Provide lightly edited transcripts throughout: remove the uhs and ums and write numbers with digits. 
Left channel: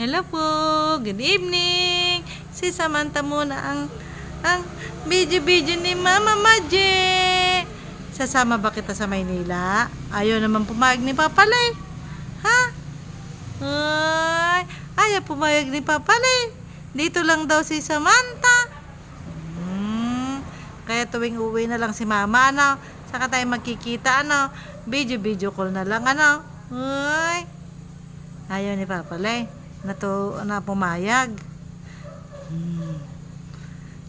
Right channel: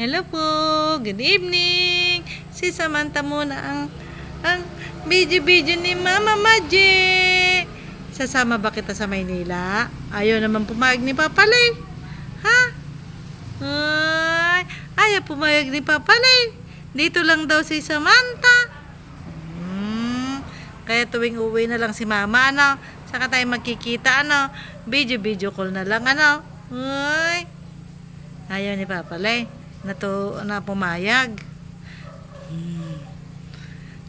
Hello po, good evening. Si Samantha muna ang video ni Mama Maje. Sasama ba kita sa Maynila? Ayaw naman pumayag ni Papa Lay. Ha? Ay, ayaw pumayag ni Papa Lay. Dito lang daw si Samantha. Kaya tuwing uwi na lang si Mama, ano? Saka tayo magkikita, ano? Video call na lang, ano? Ay, ayaw ni Papa Lay na pumayag.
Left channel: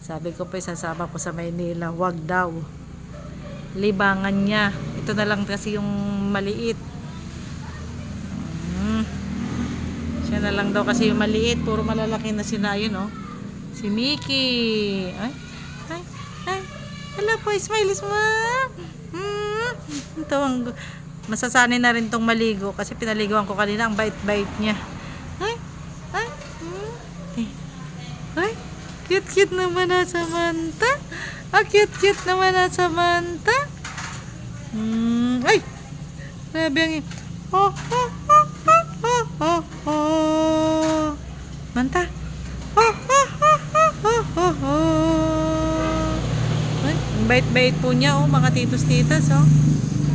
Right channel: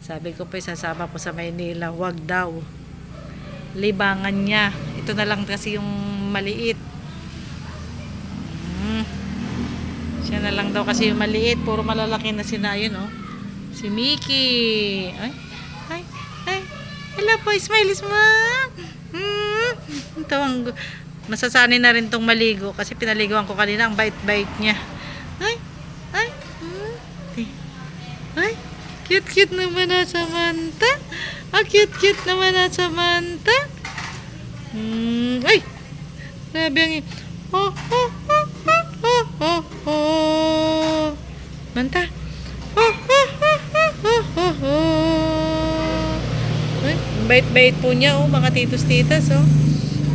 Sabi ko pa sasama ko sa Maynila, wag daw. Libangan niya. Ito na lang kasi yung maliit. Siya na lang daw kasi yung maliit. Puro malalaki na sina yun, oh. Si Mickey. Ay. Hello po, smile. Ito ang masasanay na rin tong maligo kasi pinaliguan ko kanina, ang bait-bait niya. Ay, cute naman na Samantha. Cute naman na Samantha. Ay, grabe ang Manta. Ay, ang bait-bait po niya, oh, mga titos-titas, oh.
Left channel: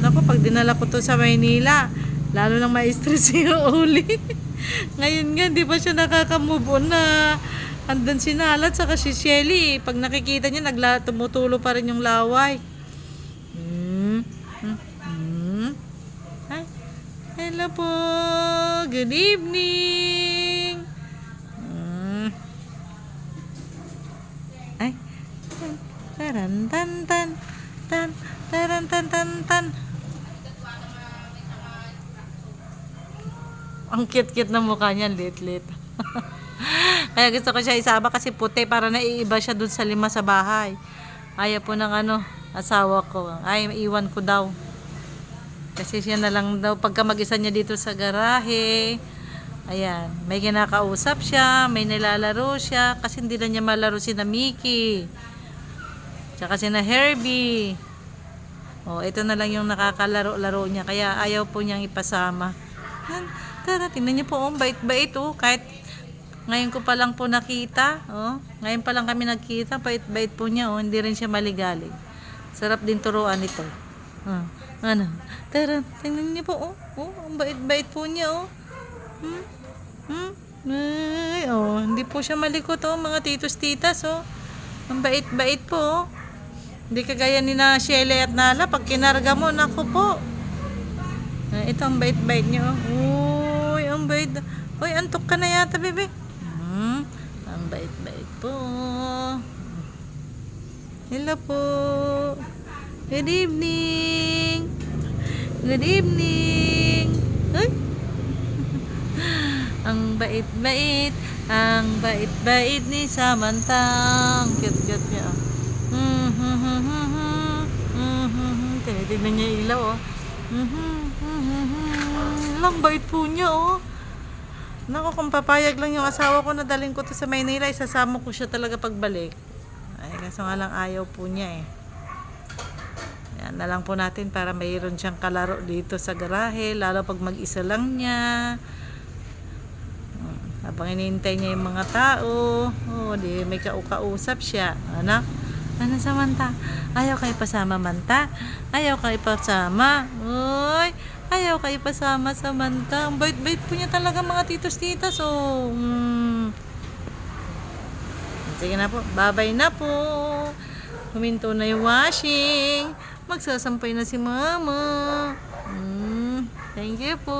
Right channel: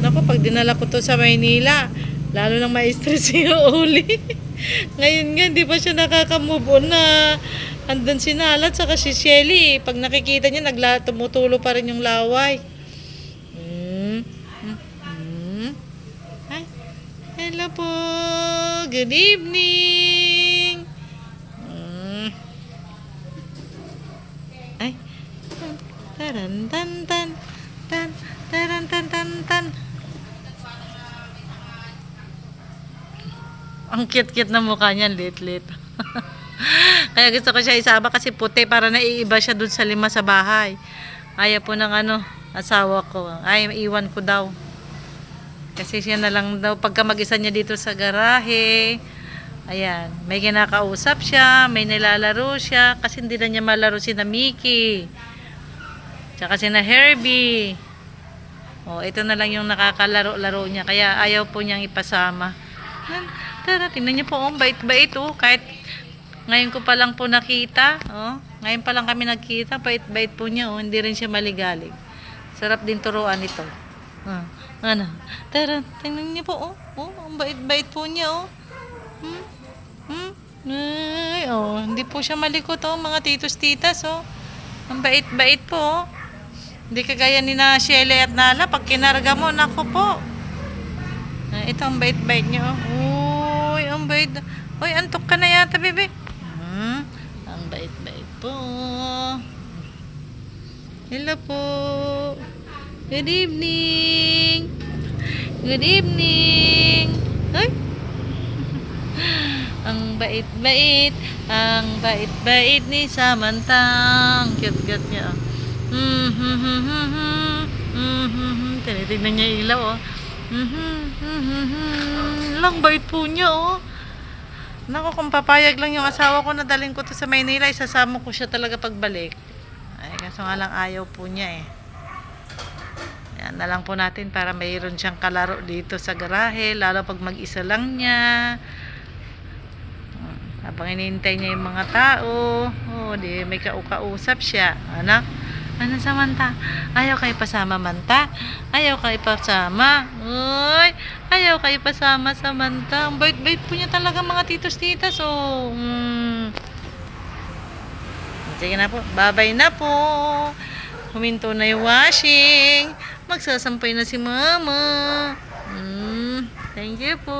Naku, pag dinala ko to sa Maynila, lalo nang ma-stress yung uli. Ngayon nga, di ba siya nakaka-move on na andun si Nalat saka si Shelly. Pag nakikita niya, tumutulo pa rin yung laway. Ay, hello po. Good evening. Ay, taran. Ang cute na mukha niya, lit. Kaya gusto ko siya isama kasi puti para naiiba siya dun sa lima sa bahay. Ayaw po ng asawa ko. Ay, iwan ko daw. Kasi siya na lang daw pagka mag-isa niya dito sa garahe. Ayan, may kinakausap siya, may nilalaro siya kasi hindi na niya malaro si na Mickey. Tsaka si na Herbie. Oh, ito na lang yung nakakalaro-laro niya kaya ayaw po niyang ipasama. Tara, tingnan niyo po, bait-bait, oh. Kahit ngayon ko pa lang po nakita, oh. Ngayon pa lang kami nagkita, bait-bait po niya, oh. Hindi rin siya maligalig. Sarap din turuan ito. Tara, tingnan niyo po, oh. Oh, ang bait-bait po niya, oh. Ay, oh, hindi po siya malikot, oh, mga titos-titas, oh. Ang bait-bait po, oh. Hindi kagaya ni na Shelly at Nala, pag kinarga mo, naku po. Ito ang bait-bait niya, oh. Uy, ang bait. Uy, antok ka na yata, bebe. Ang bait-bait po. Hello po. Good evening. Ay. Ang bait-bait. Ang bait-bait ni Samantha. Ang cute niya. Tinitignan niya yung ilaw, oh. Lang bait po niya, oh. Naku, kung papayag lang yung asawa ko na dalhin ko to sa Maynila, isasama ko siya talaga pagbalik. Ay, kaso nga lang ayaw po niya, eh. Yan na lang po natin para mayroon siyang kalaro dito sa garahe, lalo pag mag-isa lang niya. Habang inintay niya yung mga tao, oh, di may kausap siya. Ano Samantha? Ayaw kayo pasama, Manta? Ayaw kayo pasama? Uy, ayaw kayo pasama, Samantha. Ang bait-bait po niya talaga, mga titos-titas, oh. Sige na po. Bye-bye na po. Huminto na yung washing. Magsasampay na si Mama. Thank you po.